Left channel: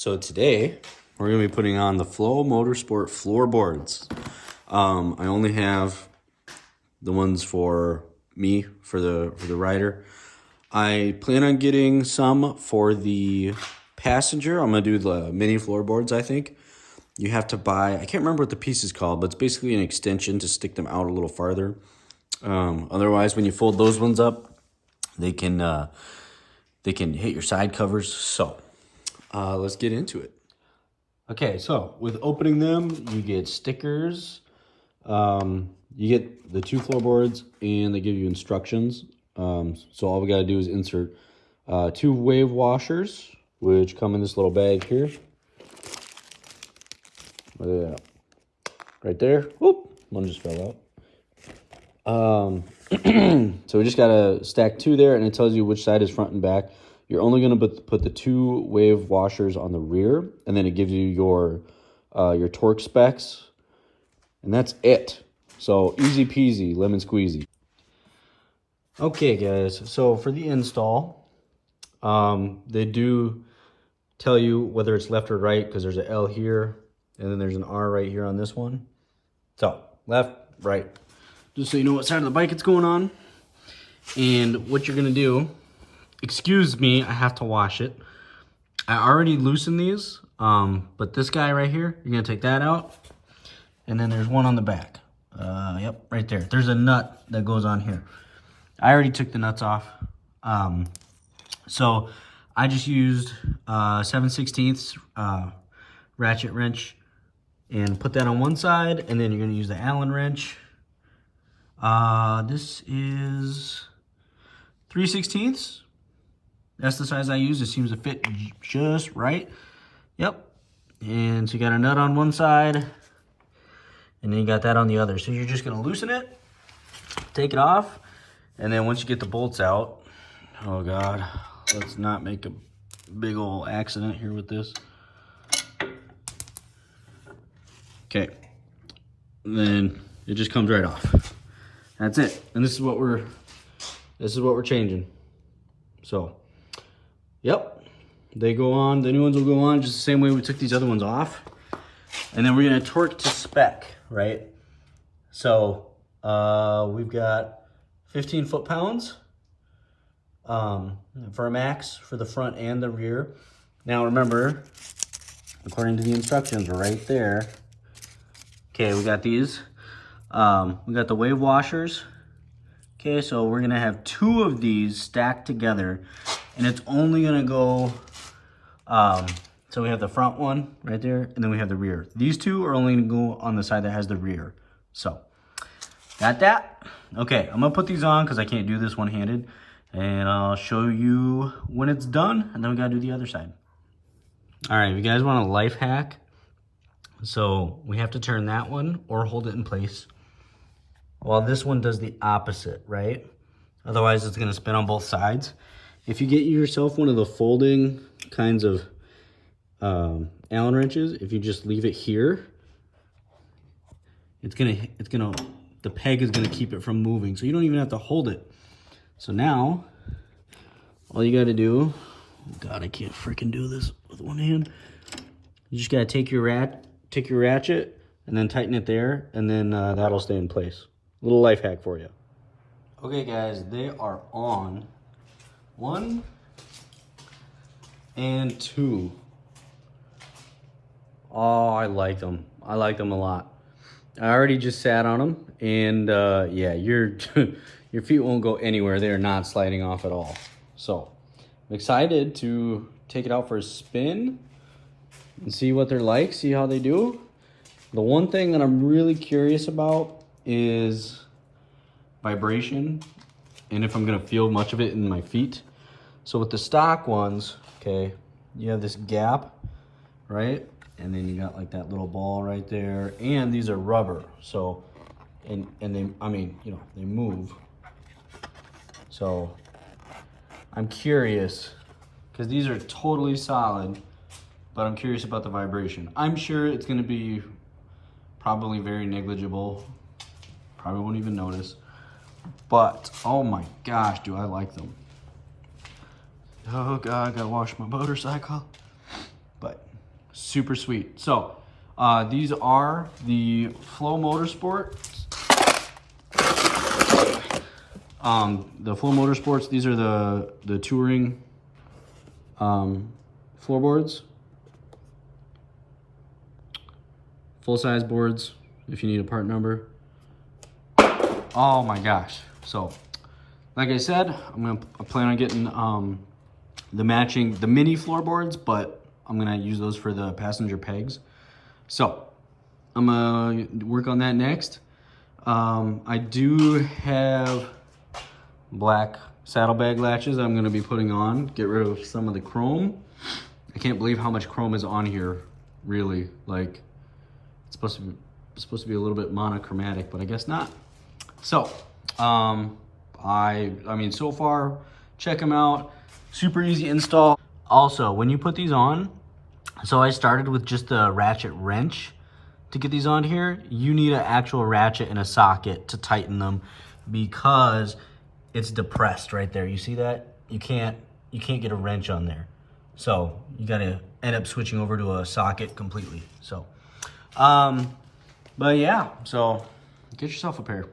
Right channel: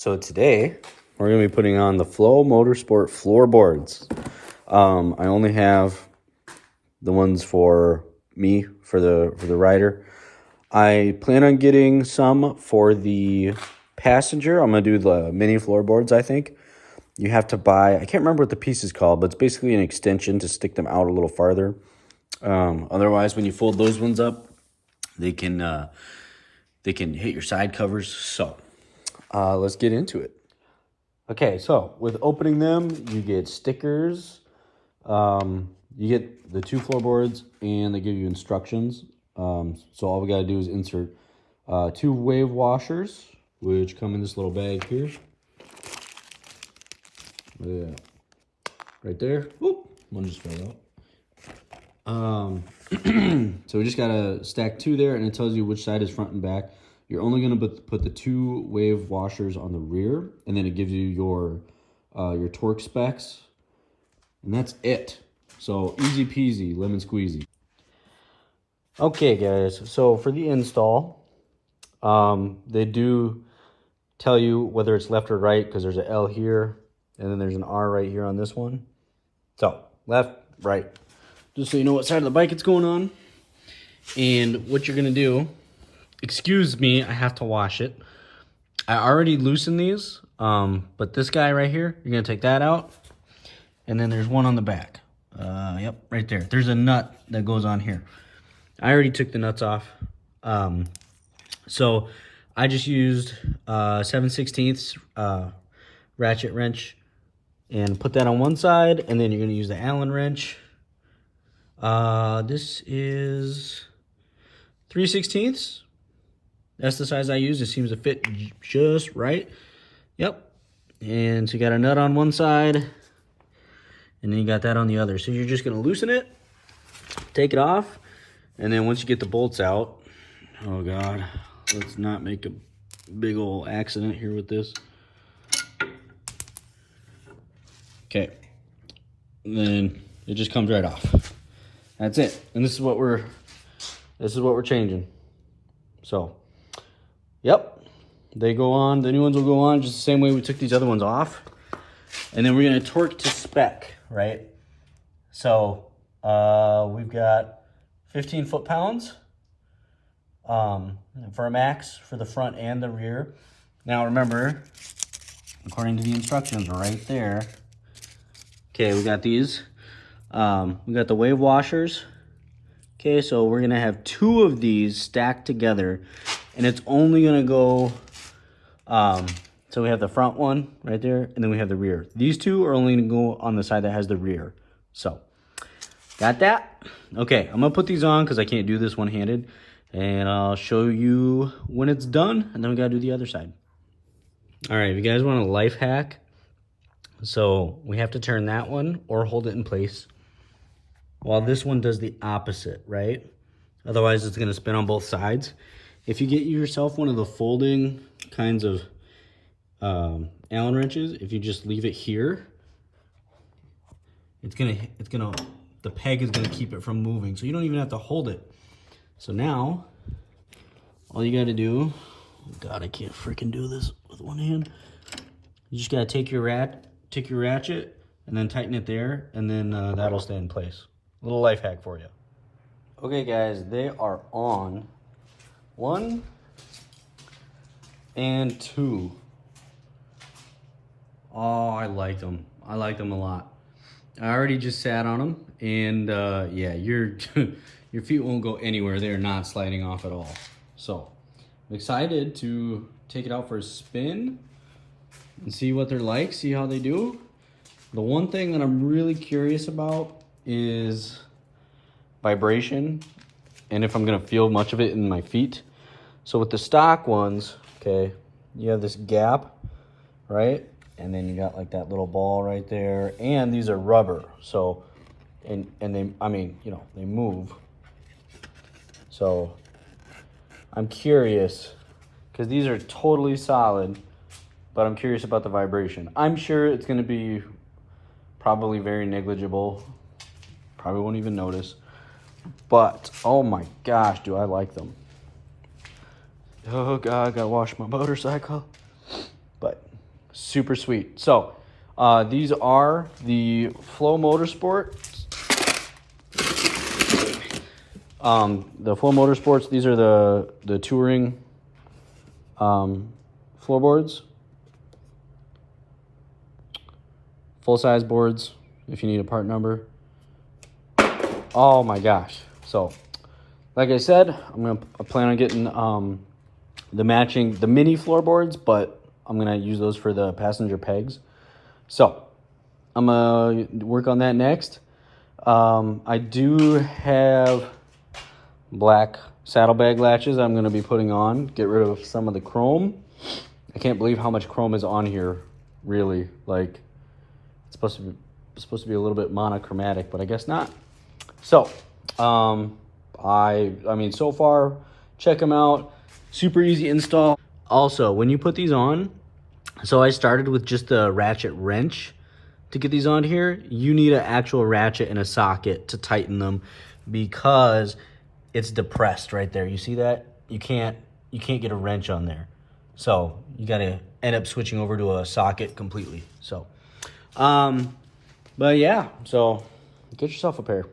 So today we're going to be putting on the Flow Motorsport floorboards. I only have the ones for me, for the rider. I plan on getting some for the passenger. I'm going to do the mini floorboards, I think. You have to buy, I can't remember what the piece is called, but it's basically an extension to stick them out a little farther. Otherwise, when you fold those ones up, they can hit your side covers. So let's get into it. Okay, so with opening them, you get stickers. You get the 2 floorboards, and they give you instructions. So all we got to do is insert 2 wave washers, which come in this little bag here. Right there. Whoop, one just fell out. So we just got to stack 2 there, and it tells you which side is front and back. You're only going to put the 2 wave washers on the rear, and then it gives you your torque specs, and that's it. So easy peasy, lemon squeezy. Okay, guys, so for the install, they do tell you whether it's left or right, because there's an L here, and then there's an R right here on this one. So left, right, just so you know what side of the bike it's going on. And what you're going to do, excuse me, I have to wash it. I already loosened these, but this guy right here, you're going to take that out. And then there's one on the back. Yep, right there. There's a nut that goes on here. I already took the nuts off. So I just used 7/16 ratchet wrench and put that on one side. And then you're going to use the Allen wrench. This is 3/16. That's the size I use. It seems to fit just right. Yep. And so you got a nut on one side, and then you got that on the other. So you're just going to loosen it, take it off, and then once you get the bolts out, oh God, let's not make a big old accident here with this. Okay. And then it just comes right off. That's it. And this is what we're changing. So, yep, they go on. The new ones will go on just the same way we took these other ones off. And then we're going to torque to spec, right? So we've got 15 foot-pounds for a max for the front and the rear. Now remember, according to the instructions right there, okay, we got these. We got the wave washers. Okay, so we're going to have 2 of these stacked together, and it's only going to go, so we have the front one right there, and then we have the rear. These 2 are only going to go on the side that has the rear. So, got that? Okay, I'm going to put these on because I can't do this one-handed, and I'll show you when it's done, and then we got to do the other side. All right, if you guys want a life hack, so we have to turn that one or hold it in place, while this one does the opposite, right? Otherwise, it's going to spin on both sides. If you get yourself one of the folding kinds of Allen wrenches, if you just leave it here, the peg is gonna keep it from moving, so you don't even have to hold it. So now, all you got to do, oh God, I can't freaking do this with one hand. You just got to take your ratchet and then tighten it there, and then that'll stay in place. Little life hack for you. Okay, guys, they are on. 1 and 2. Oh, I like them. I like them a lot. I already just sat on them, and yeah, your feet won't go anywhere. They are not sliding off at all. So I'm excited to take it out for a spin and see what they're like, see how they do. The one thing that I'm really curious about is vibration, and if I'm gonna feel much of it in my feet. So with the stock ones, okay, you have this gap, right? And then you got like that little ball right there, and these are rubber. So, and they, I mean, you know, they move. So I'm curious, because these are totally solid, but I'm curious about the vibration. I'm sure it's gonna be probably very negligible. Probably won't even notice. But, oh my gosh, do I like them. Oh God, I gotta wash my motorcycle. But Super sweet. So these are the Flow Motorsport. The Flow Motorsports, these are the touring floorboards. Full-size boards, if you need a part number. Oh my gosh. So, like I said, I plan on getting the mini floorboards, but I'm gonna use those for the passenger pegs. So, I'm gonna work on that next. I do have black saddlebag latches I'm gonna be putting on, get rid of some of the chrome. I can't believe how much chrome is on here, really. Like, it's supposed to be a little bit monochromatic, but I guess not. So, I mean, so far, check them out. Super easy install. Also, when you put these on, so I started with just a ratchet wrench to get these on here. You need an actual ratchet and a socket to tighten them because it's depressed right there. You see that? You can't get a wrench on there. So you gotta end up switching over to a socket completely. So, but yeah, so get yourself a pair.